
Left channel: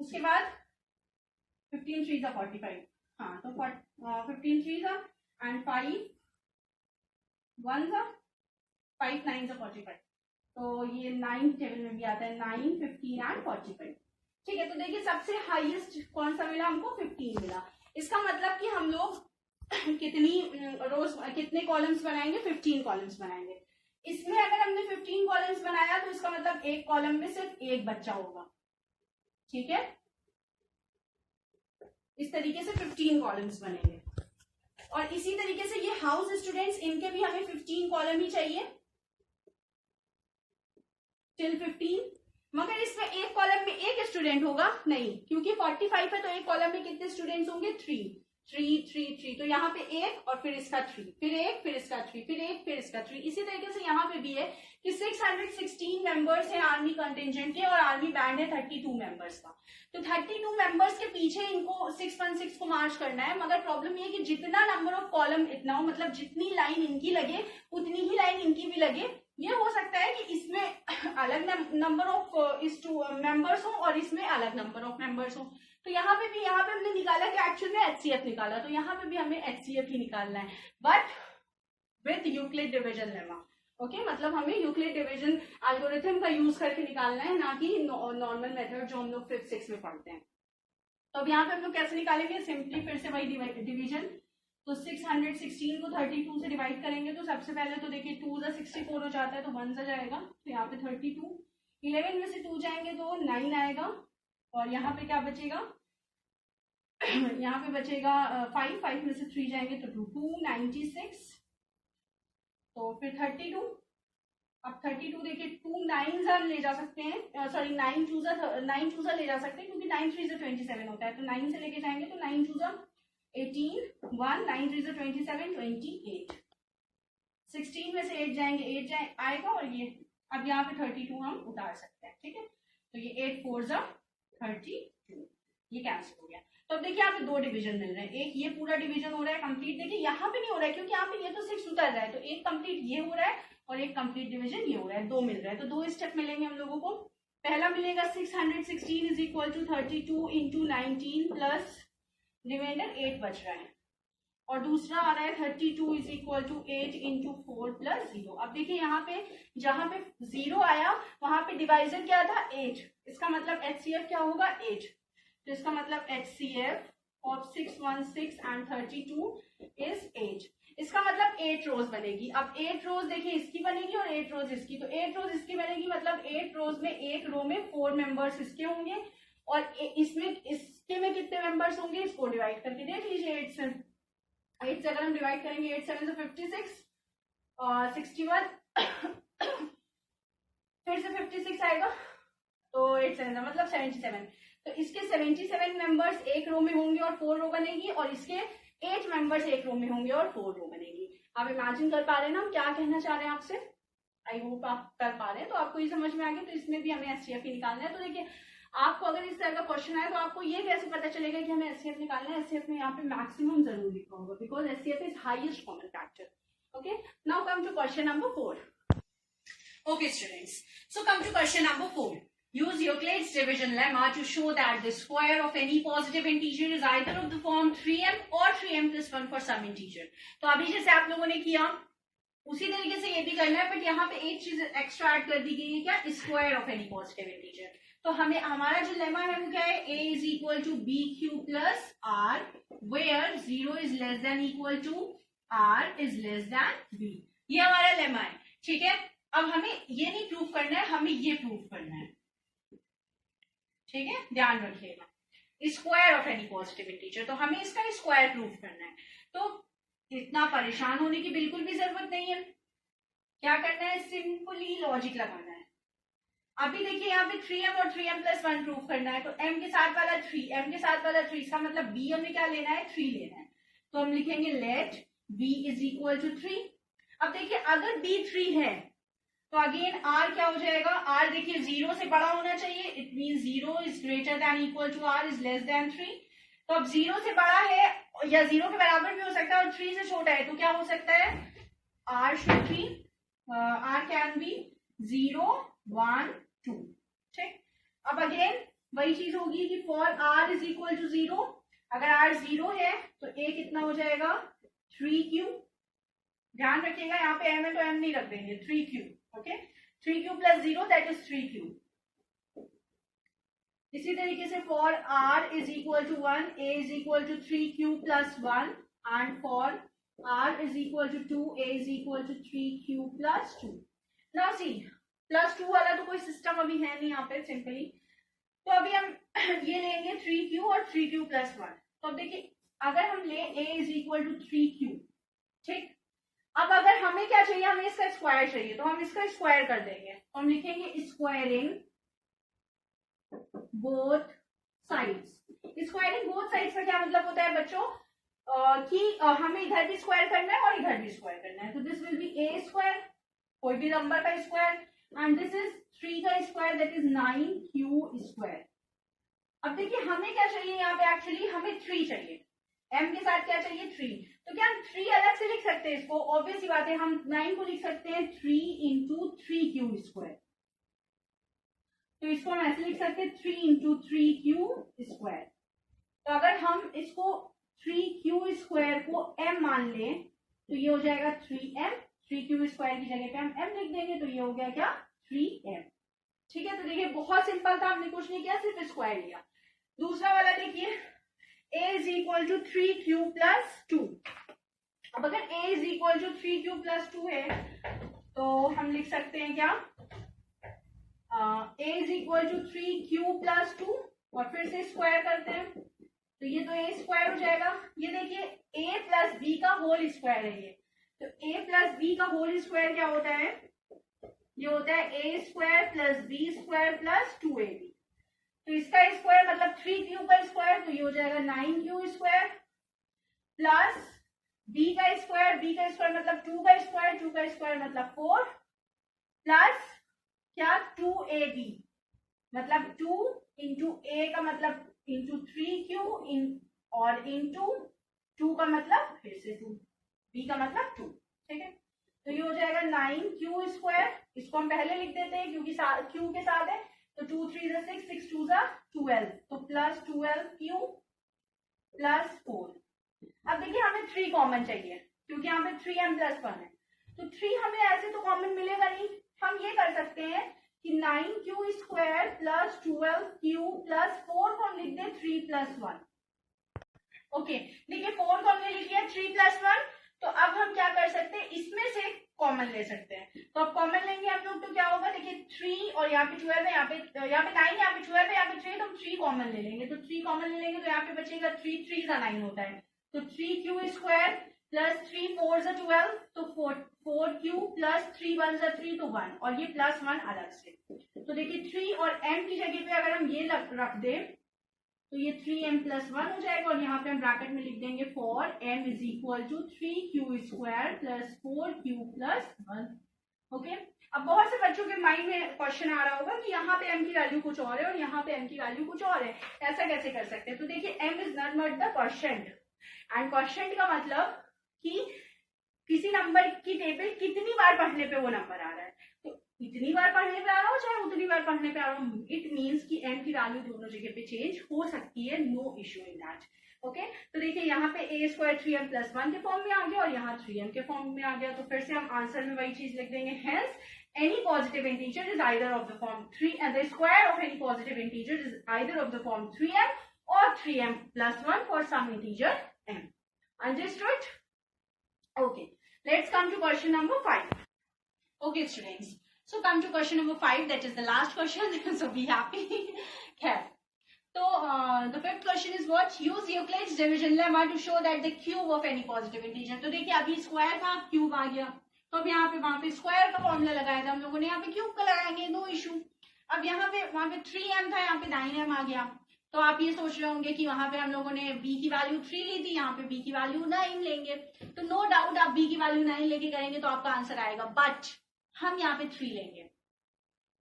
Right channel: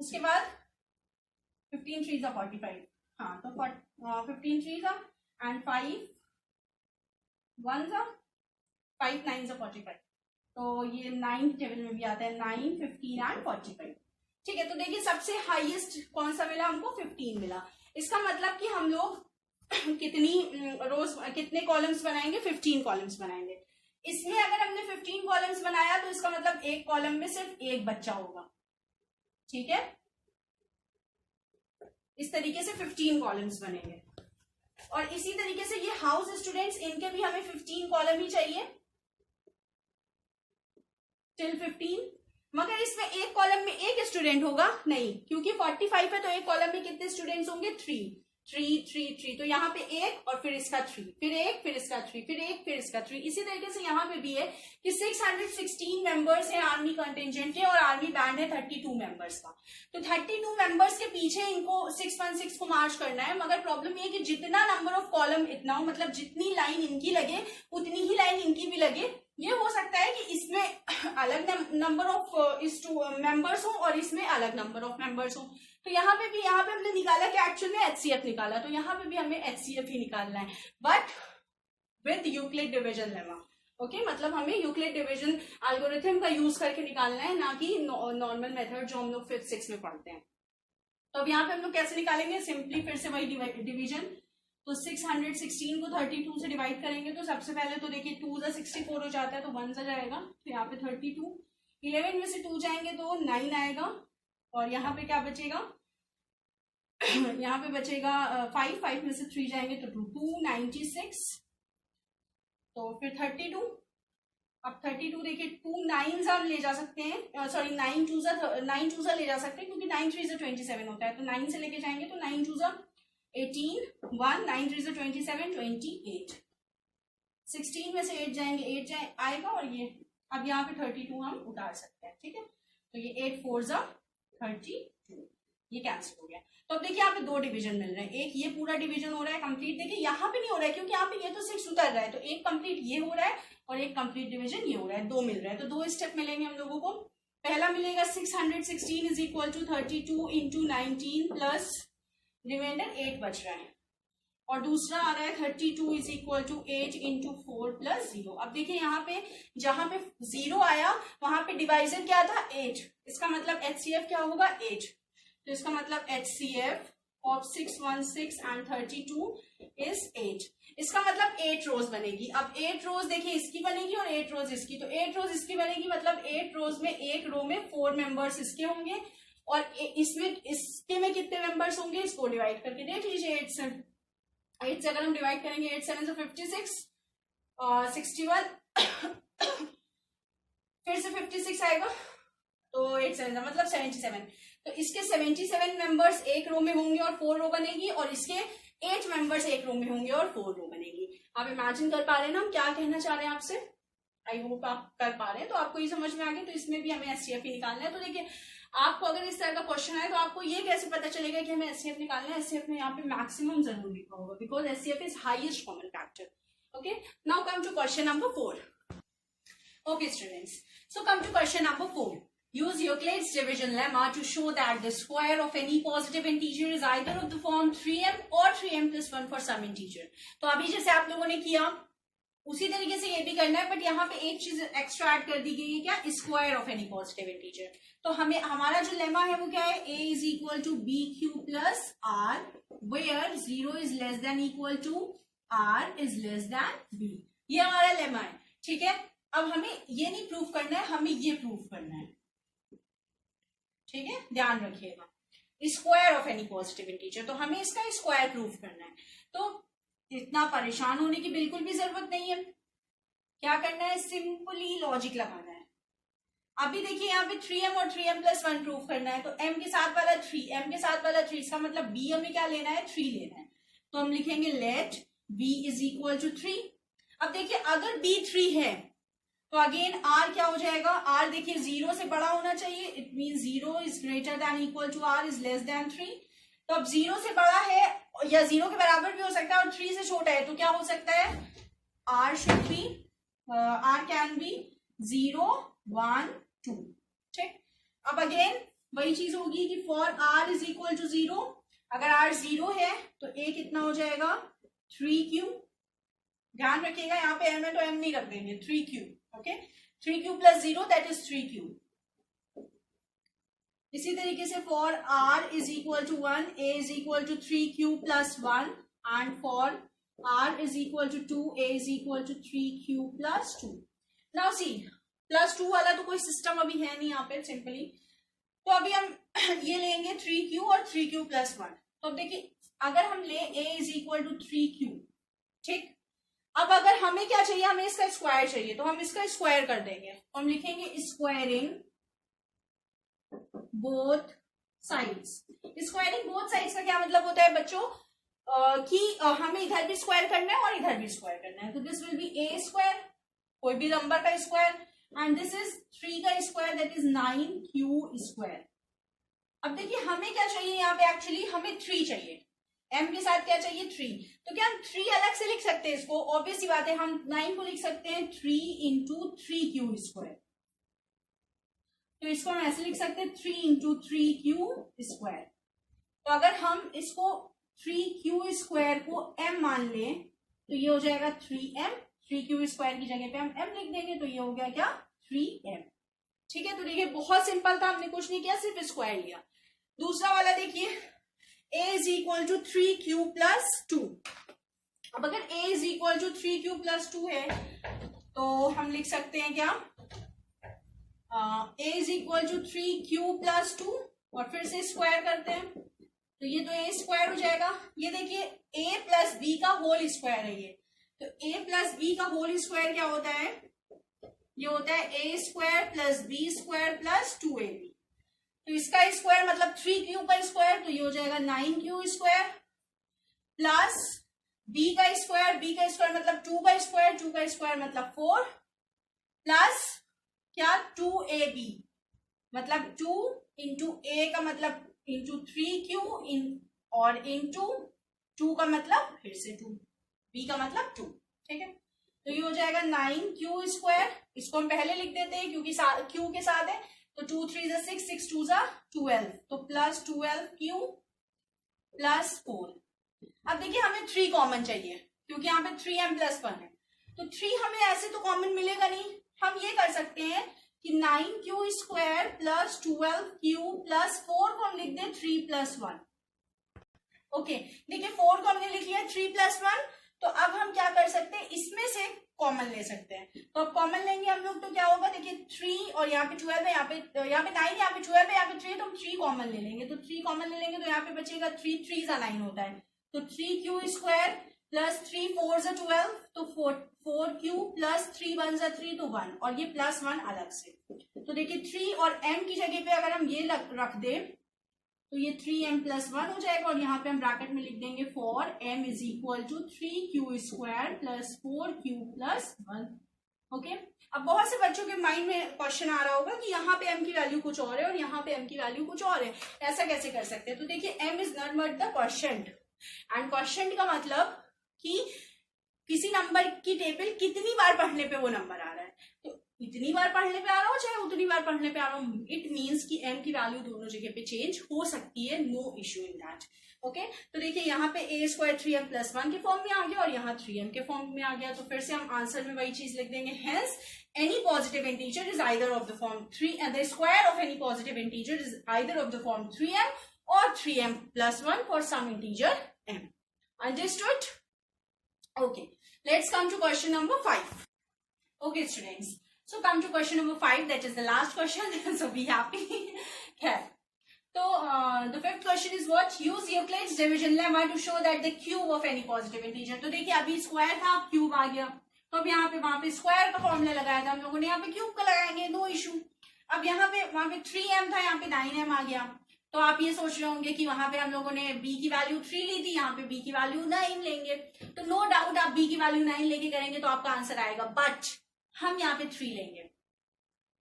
उसके बाद 15 3 जा 45। हाँ, तो 15 3 जा एंड 5 1 जा 5 9 जा 45। तो ये 9 टेबल में भी आता है 9, 15 एंड 45। ठीक है, तो देखिए सबसे हाईएस्ट कौन सा मिला हमको? 15 मिला। इसका मतलब कि हम लोग कितनी रोज कितने कॉलम्स बनाएंगे? 15 कॉलम्स बनाएंगे। इसमें अगर हमने 15 कॉलम्स बनाया तो इसका मतलब एक कॉलम में सिर्फ एक बच्चा होगा। ठीक है, इस तरीके से 15 कॉलम्स बनेंगे। और इसी तरीके से ये हाउस स्टूडेंट्स, इनके भी हमें 15 कॉलम ही चाहिए टिल 15। मगर इसमें एक कॉलम में एक स्टूडेंट होगा नहीं, क्योंकि 45 है तो एक कॉलम में कितने स्टूडेंट्स होंगे? 3। 3 3 3, तो यहाँ पे एक और फिर इसका 3, फिर एक फिर इसका 3, फिर एक फिर इसका 3। इसी तरीके से यहाँ पे भी है कि 616 मेंबर्स हैं आर्मी कंटिजेंट के और आर्मी बैंड है 32 मेंबर्स का। तो 32 मेंबर्स के पीछे इनको 616 को मार्च करना है, मगर प्रॉब्लम ये कि जितना नंबर ऑफ कॉलम इतना हो, मतलब जितनी लाइन इनकी लगे उतनी ही लाइन इनकी भी लगे। ये हो सकता है कि इसमें अलग नंबर ऑफ इस टू मेंबर्स हो और इसमें अलग नंबर ऑफ मेंबर्स हो। तो यहाँ पे हमने निकाला कि एक्चुअल में HCF निकाला, तो यहाँ पे भी हमें HCF ही निकालना है, but with Euclid division lemma. Okay, मतलब हमें यूक्लिड डिवीजन एल्गोरिथम का यूज करके निकालना है, ना कि नॉर्मल मेथड जो हम लोग 5th 6th में पढ़ते हैं। तो अब यहाँ पे हम लोग कैसे निकालेंगे, सिंपली फिर से वही डिवीजन। तो 616 को 32 से डिवाइड करेंगे, तो सबसे पहले तो देखिए 2 × 64 हो जाता है, तो 1 से जाएगा, तो यहाँ पे 32, 11 में से 2 जाएंगे तो 9 आएगा, और यहाँ पे क्या बचेगा, यहाँ पे बचेगा 5 में से 3 जाएंगे तो 296, तो फिर 32। अब 32 देखिए 2 9s हम ले जा सकते हैं, सॉरी 9 2s ले जा सकते हैं, क्योंकि 9 3 से 27 होता है, तो 9 से लेके जाएंगे तो 9 2s 18, 1 9 3 से 27 28, 16 में से 8 जाएंगे 8 आएगा, और ये अब यहाँ पे 32 हम उतार सकते हैं, ठीक है। तो ये 8 4 32, ये कैंसिल हो गया। तो अब देखिए यहाँ पे 2 डिवीजन मिल रहे हैं, एक ये पूरा डिवीजन हो रहा है कंप्लीट, देखिए यहाँ पे नहीं हो रहा है क्योंकि यहाँ पे ये तो 6 उतर रहा है, तो एक कंप्लीट ये हो रहा है और एक कंप्लीट डिवीजन ये हो रहा है, 2 मिल रहा है। तो 2 स्टेप मिलेंगे हम लोगों को। पहला मिलेगा 616 is equal to 32 into 19 plus remainder 8 बच रहा है, और दूसरा आ रहा है 32 is equal to 8 into 4 plus 0। अब देखिए यहाँ पे जहां पे 0 आया वहां पे डिवाइजर क्या था 8, इसका मतलब HCF क्या होगा 8, तो इसका मतलब HCF ऑफ 616 एंड 32 इज 8। इसका मतलब 8 रोज बनेगी। अब 8 रोज देखिए इसकी बनेगी और 8 रोज इसकी, तो 8 रोज इसकी बनेगी, मतलब 8 रोज में एक रो में 4 मेंबर्स इसके होंगे, और इसमें इसके में कितने मेंबर्स होंगे इसको डिवाइड करके देख लीजिए। 8 से अगर हम डिवाइड करेंगे 8 7 से 56 और 61 फिर से 56 आएगा, तो 8 7 मतलब 77। तो इसके 77 मेंबर्स एक रो में होंगे और 4 रो बनेगी, और इसके 8 मेंबर्स एक रो में होंगे और 4 रो बनेगी। आप इमेजिन कर पा रहे हैं ना हम क्या कहना चाह रहे हैं आपसे, आई होप आप कर पा रहे हैं, तो आपको ये समझ में आ गया। तो इसमें भी हमें HCF ही निकालना है। तो देखिए आपको अगर इस तरह का क्वेश्चन है तो आपको ये कैसे पता चलेगा कि हमें HCF निकालना है। HCF में यहाँ पे मैक्सिमम जरूर लिखा होगा, because HCF is highest common factor. Okay, now come to question number 4. Okay students, so come to question number 4. Use Euclid's division lemma to show that the square of any positive integer is either of the form 3m or 3m plus 1 for some integer. तो अभी जैसे आप लोगों ने किया उसी तरीके से ये भी करना है, बट यहाँ पे एक चीज एक्स्ट्रा ऐड कर दी गई है, क्या, square of any positive integer. तो हमें हमारा जो लेमा है वो क्या है, a is equal to B Q plus R, where 0 is less than equal to r is less than b। ये हमारा लेमा है, ठीक है। अब हमें ये नहीं प्रूफ करना है, हमें ये प्रूफ करना है, ठीक है, ध्यान रखिएगा। Square of any positive integer, तो हमें इसका स्क्वायर प्रूफ करना है। तो इतना परेशान होने की बिल्कुल भी जरूरत नहीं है, क्या करना है, सिंपली लॉजिक लगाना है। अभी देखिए यहाँ पे 3m और 3m प्लस 1 प्रूफ करना है, तो m के साथ वाला 3, m के साथ वाला 3, इसका मतलब b हमें क्या लेना है, 3 लेना है। तो हम लिखेंगे let b is equal to 3। अब देखिए अगर b 3 है तो अगेन r क्या हो जाएगा, r देखिए 0 से बड़ा होना चाहिए, it mean 0 is greater than equal to r is less than 3। तो अब 0 से बड़ा है या 0 के बराबर भी हो सकता है, और 3 से छोटा है, तो क्या हो सकता है, r should be r can be 0 1 2, ठीक। अब अगेन वही चीज होगी कि for r is equal to 0, अगर r 0 है तो a कितना हो जाएगा 3q। ध्यान रखिएगा यहाँ पे m है तो m नहीं रख देंगे, 3q, okay, 3q plus 0 that is 3q। इसी तरीके से for r is equal to 1, a is equal to 3q plus 1, and for r is equal to 2, a is equal to 3q plus 2। Now see plus 2 वाला तो कोई system अभी है नहीं यहाँ पे, सिंपली तो अभी हम ये लेंगे 3q और 3q प्लस 1। तो अब देखिए अगर हम ले a is equal to 3q, ठीक। अब अगर हमें क्या चाहिए, हमें इसका स्क्वायर चाहिए, तो हम इसका स्क्वायर कर देंगे, हम लिखेंगे squaring both sides. Squaring both sides का क्या मतलब होता है बच्चों, कि हमें इधर भी स्क्वायर करना है और इधर भी स्क्वायर करना है, तो this will B A square, कोई भी नंबर का स्क्वायर, एंड दिस इज 3 का square, that is 9q square. अब देखिए हमें क्या चाहिए यहाँ पे, एक्चुअली हमें 3 चाहिए, m के साथ क्या चाहिए 3, तो क्या हम 3 अलग से लिख सकते हैं इसको, ऑब्वियस सी बात है, हम 9 को लिख सकते हैं 3 इंटू 3q स्क्वायर, तो इसको हम ऐसे लिख सकते हैं 3 इंटू 3q स्क्वायर। तो अगर हम इसको 3q स्क्वायर को m मान लें तो ये हो जाएगा 3m, 3q स्क्वायर की जगह पे हम m लिख देंगे, तो ये हो गया क्या 3m। ठीक है, तो देखिए बहुत सिंपल था, हमने कुछ नहीं किया, सिर्फ स्क्वायर लिया। दूसरा वाला देखिए, a is equal to 3q plus 2। अब अगर a is equal to 3q plus 2 है तो हम लिख सकते हैं क्या, a is equal to 3q plus 2 और फिर से स्क्वायर करते हैं, तो ये तो a स्क्वायर हो जाएगा। ये देखिए a प्लस b का होल स्क्वायर है ये, तो a प्लस b का होल स्क्वायर क्या होता है, ये होता है a square plus b square plus 2ab, तो इसका स्क्वायर मतलब 3q का स्क्वायर, तो ये हो जाएगा 9q स्क्वायर प्लस b का स्क्वायर मतलब 2 का स्क्वायर, 2 का स्क्वायर मतलब 4 प्लस क्या 2ab, मतलब 2 इंटू a का मतलब इंटू 3q और इंटू 2 का मतलब फिर से 2, b का मतलब 2। ठीक है, तो ये हो जाएगा 9q स्क्वायर, इसको हम पहले लिख देते हैं क्योंकि q के साथ है, तो 2 3 जा 6, 6 2 जा 12, तो प्लस 12q प्लस 4। अब देखिए हमें 3 कॉमन चाहिए क्योंकि यहाँ पे 3m प्लस 1 है, तो 3 हमें ऐसे तो कॉमन मिलेगा नहीं, हम ये कर सकते हैं कि 9q square plus 12q plus 4 को हम लिख दें 3 प्लस 1। ओके, देखिए 4 को हमने लिख लिया, 3 प्लस 1, तो अब हम क्या कर सकते हैं, इसमें से कॉमन ले सकते हैं, तो अब कॉमन लेंगे हम लोग तो क्या होगा, देखिए 3 और यहाँ पे 12 है, यहाँ पे 9 यहाँ पे 12 है, यहाँ पे 3, तो हम 3 कॉमन ले लेंगे, तो 3 कॉमन ले लेंगे तो यहाँ पे बचेगा 3 3 जा 9 होता है, तो 3q स्क्वायर प्लस 3 4 जा 12, तो 4q प्लस 3 1 जा 3, तो 1, और ये प्लस 1 अलग से, तो देखिए 3 और m की जगह पे अगर हम ये रख दें तो ये 3m प्लस 1 हो जाएगा, और यहाँ पे हम ब्रैकेट में लिख देंगे 4m is equal to 3q square plus 4q plus 1। Okay, अब बहुत से बच्चों के माइंड में क्वेश्चन आ रहा होगा कि यहाँ पे m की वैल्यू कुछ और है और यहाँ पे m की वैल्यू कुछ और है, ऐसा कैसे कर सकते हैं, तो देखिए m is not but the quotient, and quotient का मतलब कि किसी नंबर की टेबल कितनी बार पढ़ने पे वो नंबर आ रहा है, तो इतनी बार पढ़ने पे आ रहा हो चाहे उतनी बार पढ़ने पे आ रहा हो, इट मींस कि m की वैल्यू दोनों जगह पे चेंज हो सकती है, no issue in that. Okay, तो देखिए यहाँ पे a स्क्वायर 3m प्लस 1 के फॉर्म में आ गया और यहाँ 3m के फॉर्म में आ गया, तो फिर से हम आंसर में वही चीज लिख देंगे, hence any positive integer is either of the form 3 and the square of any positive integer is either of the form 3m or 3m plus 1 for some integer m. Understood? Okay, let's come to question number 5. Okay students, so come to question number 5, that is the last question, so be happy. Okay, so the fifth question is what, use Euclid's division lemma to show that the cube of any positive integer, तो देखिए अभी square था cube आ गया, तो अब यहाँ पे वहां पे स्क्वायर का फॉर्मूला लगाया था हम लोगों ने, यहाँ पे क्यूब का लगाएंगे, नो इशू। अब यहाँ पे वहां पे 3m था, यहाँ पे 9m आ गया, तो आप ये सोच रहे होंगे कि वहां पे हम लोगों ने b की वैल्यू 3 ली थी, यहाँ पे b की वैल्यू 9 लेंगे, तो नो डाउट आप b की वैल्यू 9 लेके करेंगे तो आपका आंसर आएगा, बट हम यहाँ पे 3 लेंगे।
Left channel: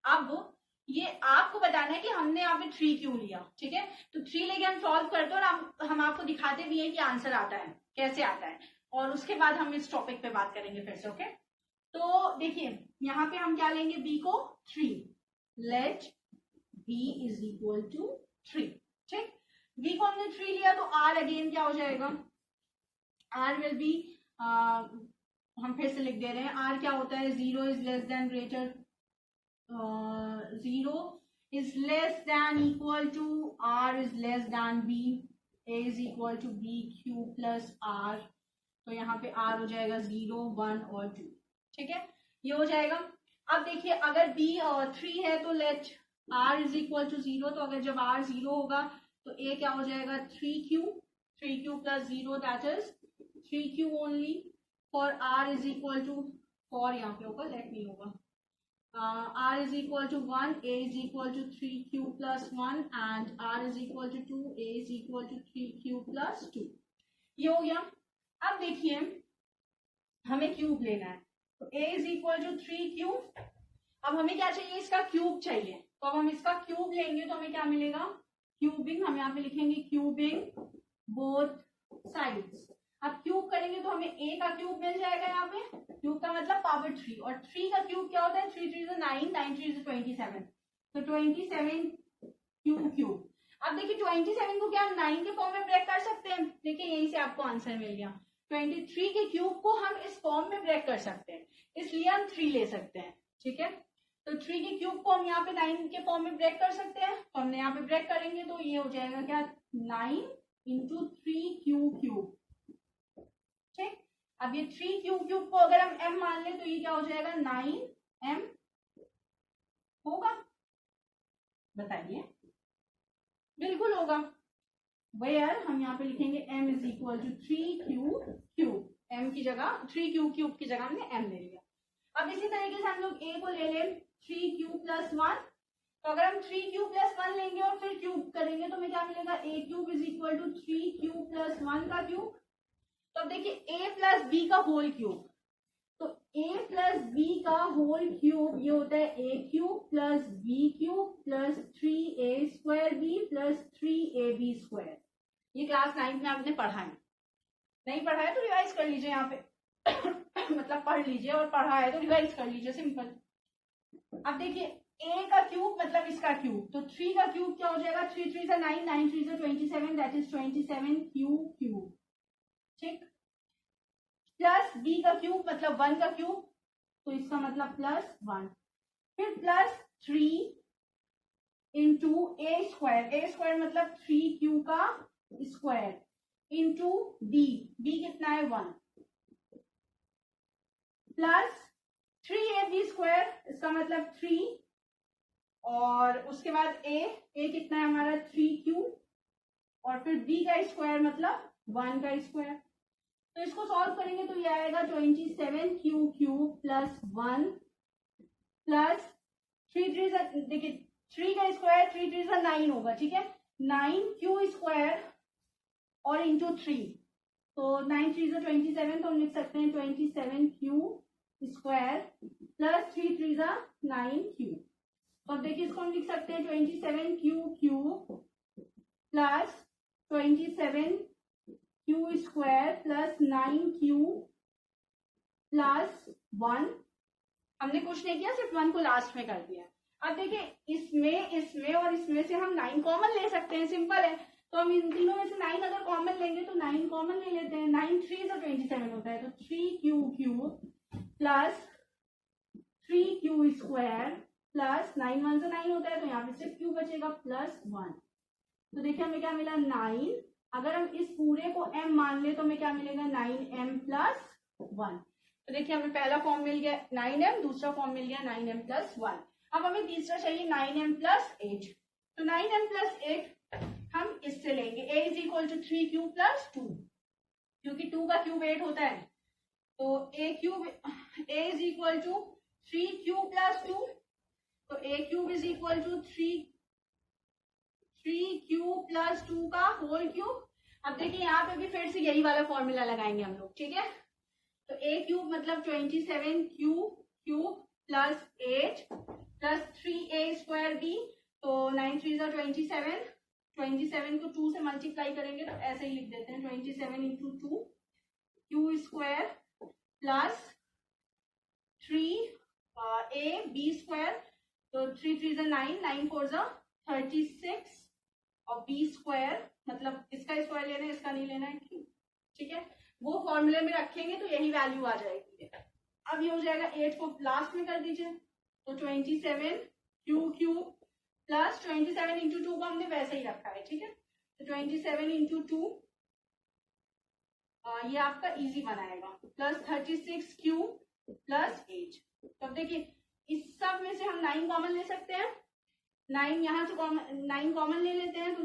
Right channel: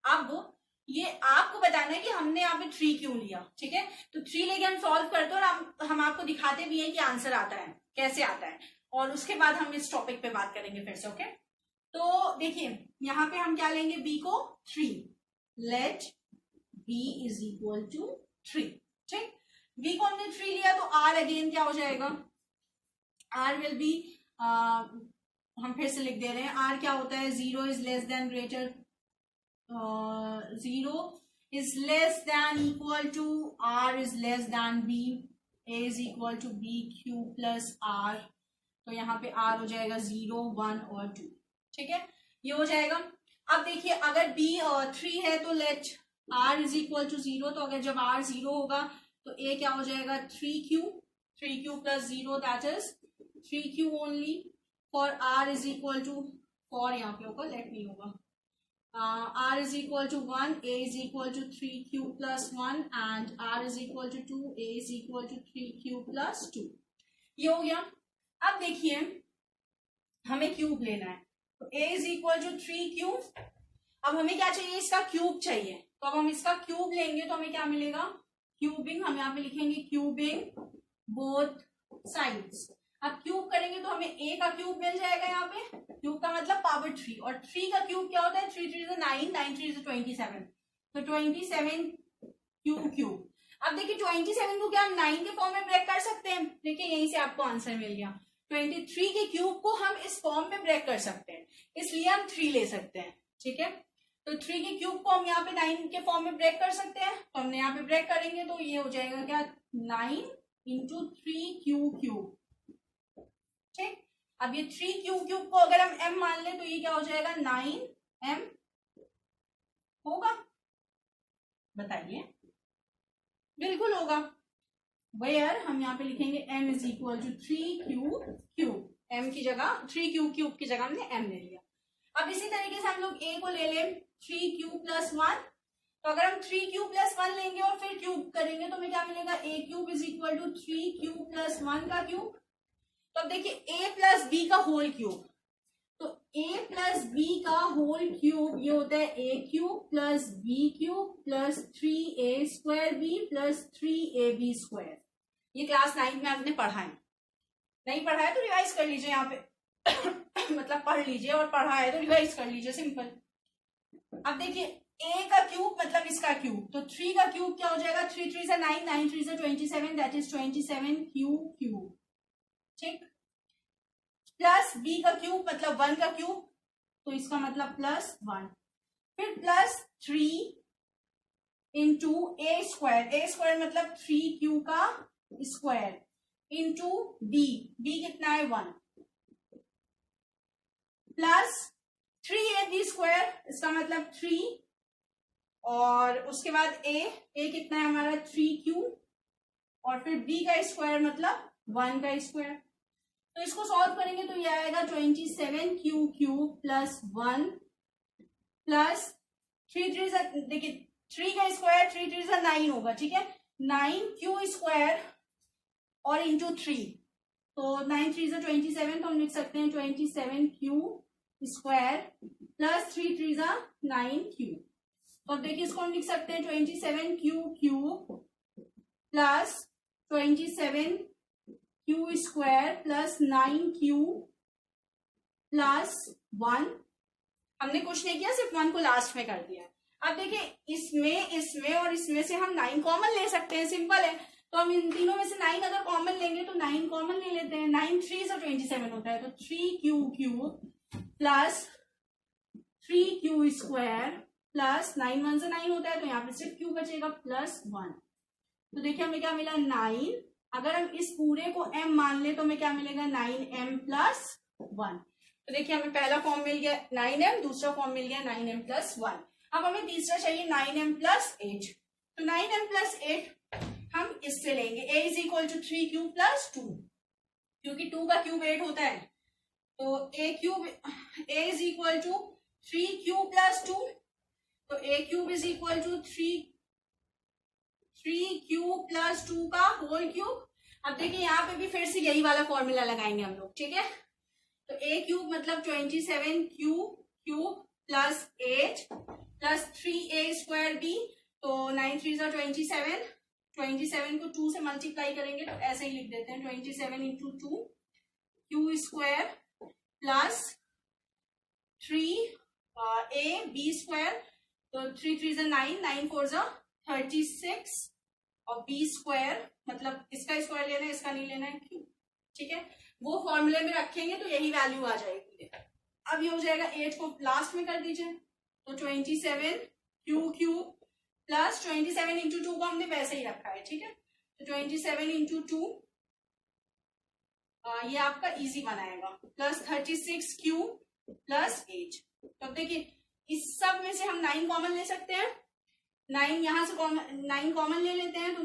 अब ये आपको बताना है कि हमने यहाँ पे 3 क्यों लिया, ठीक है, तो 3 लेके हम सॉल्व करते हैं और हम आपको दिखाते भी हैं कि आंसर आता है, कैसे आता है, और उसके बाद हम इस टॉपिक पे बात करेंगे फिर से। ओके, तो देखिए यहाँ पे हम क्या लेंगे, b को 3, let b is equal to 3, ठीक, b को हमने 3 लिया तो r अगेन क्या हो जाएगा, r विल बी, हम फिर से लिख दे रहे हैं, r क्या होता है, 0 is less then greater, 0 is less than equal to r is less than b, a is equal to b q plus r, तो यहाँ पे r हो जाएगा 0 1 और 2, ठीक है, ये हो जाएगा। अब देखिए अगर b 3 है तो let r is equal to 0, तो अगर जब r 0 होगा तो a क्या हो जाएगा 3q plus 0, that is 3q only, for r is equal to, for यहाँ पे होगा, लेट नहीं होगा, r is equal to 1, a is equal to 3q plus 1 and r is equal to 2, a is equal to 3q plus 2। ये हो गया। अब देखिए हमें क्यूब लेना है, तो a is equal to 3 cube. अब हमें क्या चाहिए, इसका क्यूब चाहिए, तो अब हम इसका क्यूब लेंगे तो हमें क्या मिलेगा, क्यूबिंग। हम यहाँ पे लिखेंगे क्यूबिंग बोथ साइड्स। अब क्यूब करेंगे तो हमें a का क्यूब मिल जाएगा, यहाँ पे क्यूब का मतलब पावर 3, और 3 का क्यूब क्या होता है, 3 3 9, 9 3 27, तो 27 क्यूब। अब देखिए 27 को क्या हम 9 के फॉर्म में ब्रेक कर सकते हैं, देखिए यहीं से आपको आंसर मिल गया। 23 के क्यूब को हम इस फॉर्म में ब्रेक कर सकते हैं, इसलिए हम 3 ले सकते हैं, ठीक है। तो 3 के क्यूब को हम यहाँ पे 9 के फॉर्म में ब्रेक कर सकते हैं, तो हमने यहाँ पे ब्रेक करेंगे तो ये हो जाएगा क्या, 9 इंटू 3 क्यूब, ठीक। अब ये 3 क्यूब को अगर हम m मान लें तो ये क्या हो जाएगा, 9m होगा, बताइए। बिल्कुल होगा। वेयर हम यहाँ पे लिखेंगे m is equal to 3 cube, m की जगह 3 क्यूब की जगह हमने m ले लिया। अब इसी तरीके से हम लोग a को ले लें 3 क्यूब प्लस 1, तो अगर हम 3 क्यूब प्लस 1 लेंगे और फिर क्यूब करेंगे तो हमें क्या मिलेगा, a cube is equal to 3 cube plus 1 का क्यूब। तो अब देखिए a प्लस b का होल क्यूब, तो a प्लस b का होल क्यूब ये होता है a cube plus b cube plus 3a square b plus 3ab square. ये क्लास 9 में आपने पढ़ा है, नहीं पढ़ा है तो रिवाइज कर लीजिए यहाँ पे मतलब पढ़ लीजिए, और पढ़ा है तो रिवाइज कर लीजिए, सिंपल। अब देखिए a का क्यूब मतलब इसका क्यूब, तो 3 का क्यूब क्या हो जाएगा, 3 3 से 9, 9 3 से 27, दैट इज 27 क्यूब, ठीक। प्लस b का क्यूब मतलब 1 का क्यूब, तो इसका मतलब प्लस 1, फिर प्लस 3 इंटू a स्क्वायर मतलब 3q का स्क्वायर इंटू b कितना है 1, प्लस 3ab स्क्वायर, इसका मतलब 3, और उसके बाद a कितना है हमारा 3q, और फिर b का स्क्वायर मतलब 1 का स्क्वायर। तो इसको सॉल्व करेंगे तो ये आएगा 27 क्यूब प्लस 1 प्लस 3 3 देखिए 3 का स्क्वायर 3 3 से 9 होगा, ठीक है, 9q स्क्वायर और इंटू 3, तो 9 3 से 27, तो हम लिख सकते हैं 27q स्क्वायर प्लस 3 3 से 9q। तो अब देखिए इसको हम लिख सकते हैं 27q plus 27q square plus 9q plus 1। हमने कुछ नहीं किया, सिर्फ 1 को लास्ट में कर दिया। अब देखिए इसमें और इसमें से हम 9 कॉमन ले सकते हैं, सिंपल है। तो हम इन तीनों में से 9 अगर कॉमन लेंगे तो 9 कॉमन ले लेते हैं, 9 3 से 27 होता है, तो 3q plus 3q square plus 9 1 से 9 होता है, तो यहाँ पे सिर्फ q बचेगा प्लस 1। तो देखिए हमें क्या मिला 9, अगर हम इस पूरे को m मान ले तो हमें क्या मिलेगा 9m प्लस 1। तो देखिए हमें पहला फॉर्म मिल गया 9m, दूसरा फॉर्म मिल गया 9m प्लस 1। अब हमें तीसरा चाहिए 9m प्लस 8, तो 9m प्लस 8 हम इससे लेंगे, a is equal to 3 cube plus 2, क्योंकि 2 का क्यूब 8 होता है, तो a is equal to 3 cube plus 2, तो a cube is equal to 3 cube plus 2 का होल क्यूब। अब देखिए यहाँ पे भी फिर से यही वाला फॉर्मूला लगाएंगे हम लोग, ठीक है। तो a क्यूब मतलब 27 cube plus 8 plus 3a square b, तो 9 3 27, 27 को 2 से मल्टीप्लाई करेंगे तो ऐसे ही लिख देते हैं 27 into 2 Q square plus 3a b square, तो 3 3 9, 9 4 36, और b स्क्वायर मतलब इसका स्क्वायर लेना है, इसका नहीं लेना है, क्यू, ठीक है। वो फॉर्मूले में रखेंगे तो यही वैल्यू आ जाएगी। अब ये हो जाएगा 8 को लास्ट में कर दीजिए, तो 27 क्यू प्लस 27 इंटू 2 को हमने वैसे ही रखा है, ठीक है। तो 27 इंटू 2 ये आपका इजी बनाएगा, प्लस 36 क्यू प्लस 8। तो अब देखिए इस सब में से हम 9 कॉमन ले सकते हैं, 9 यहाँ से 9 कॉमन ले लेते हैं, तो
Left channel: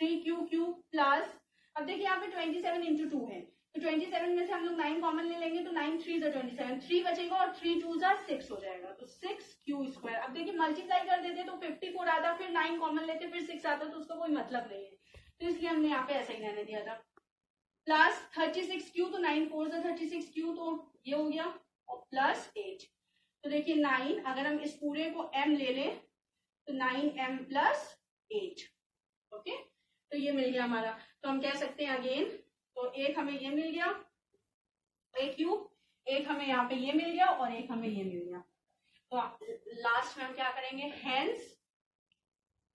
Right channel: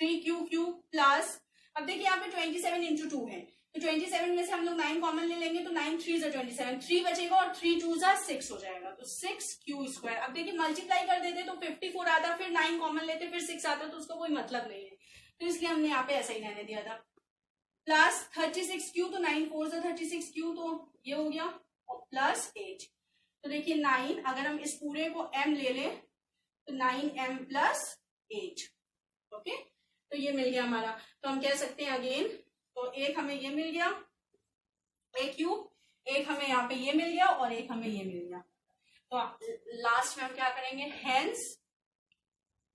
3 क्यू प्लस, अब देखिए यहाँ पे 27 इंटू 2 है, तो 27 में से हम लोग 9 कॉमन ले लेंगे, तो 9 3 27, 3 बचेगा और 3 2 6 हो जाएगा, तो 6 क्यू स्क्वायर। अब देखिए मल्टीप्लाई कर देते तो 54 आता, फिर 9 कॉमन लेते फिर 6 आता, तो उसका कोई मतलब नहीं है। तो इसलिए हमने यहाँ पे ऐसा ही रहने दिया था। प्लस 36 क्यू, तो 9 4 से 36 क्यू, तो ये हो गया, और प्लस 8। तो देखिए 9, अगर हम इस पूरे को m ले लें तो 9m प्लस 8। ओके, तो ये मिल गया हमारा। तो हम कह सकते हैं अगेन, तो एक हमें ये मिल गया a क्यूब, एक हमें यहाँ पे ये मिल गया और एक हमें ये मिल गया। तो लास्ट में हम क्या करेंगे, हेंस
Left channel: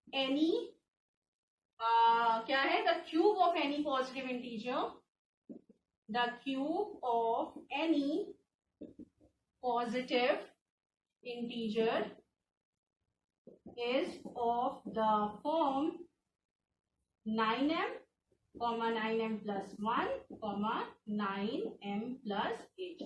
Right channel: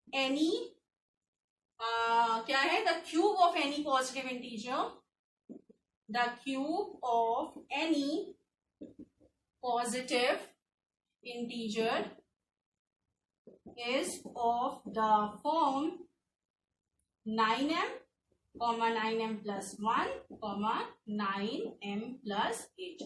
एनी क्या है, the cube of any positive integer, the cube of any positive integer is of the form 9m, 9m plus 1, 9m plus 8।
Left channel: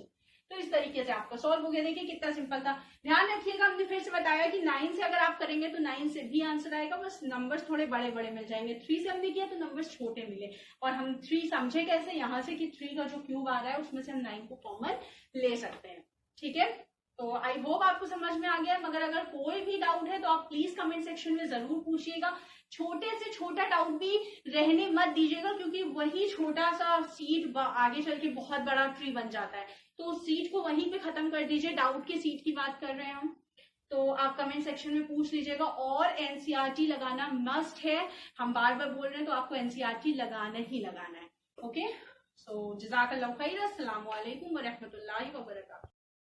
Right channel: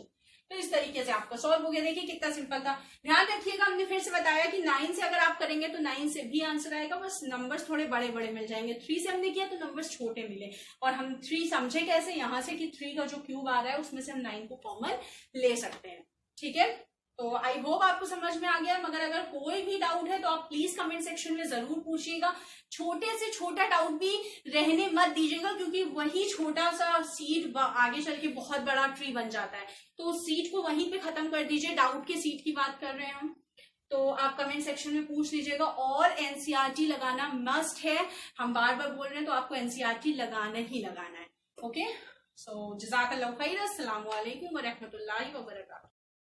तो इस तरीके से आपका सॉल्व हो गया। देखिए कितना सिंपल था। ध्यान रखिएगा, हमने फिर से बताया कि 9 से अगर आप करेंगे तो 9 से भी आंसर आएगा, बस नंबर्स थोड़े बड़े बड़े मिल जाएंगे। 3 से हमने किया तो नंबर्स छोटे मिले, और हम 3 समझे कैसे, यहाँ से कि 3 का जो क्यूब आ रहा है उसमें से हम 9 को कॉमन ले सकते हैं। ठीक है, तो आई होप आपको समझ में आ गया। मगर अगर कोई भी डाउट है तो आप प्लीज कमेंट सेक्शन में जरूर पूछिएगा। छोटे से छोटा डाउट भी रहने मत दीजिएगा, क्योंकि वही छोटा सा सीड आगे चल के बहुत बड़ा ट्री बन जाता है। तो सीड को वहीं पे खत्म कर दीजिए। डाउट के सीड की बात कर रहे हैं हम, तो आप कमेंट सेक्शन में पूछ लीजिएगा। और एनसीईआरटी लगाना मस्ट है, हम बार बार बोल रहे हैं, तो आपको एनसीईआरटी लगाना ही लगाना है। ओके, सो जज़ाकल्लाहु खैर, अस्सलामु अलैकुम व रहमतुल्लाहि व बरकातहू।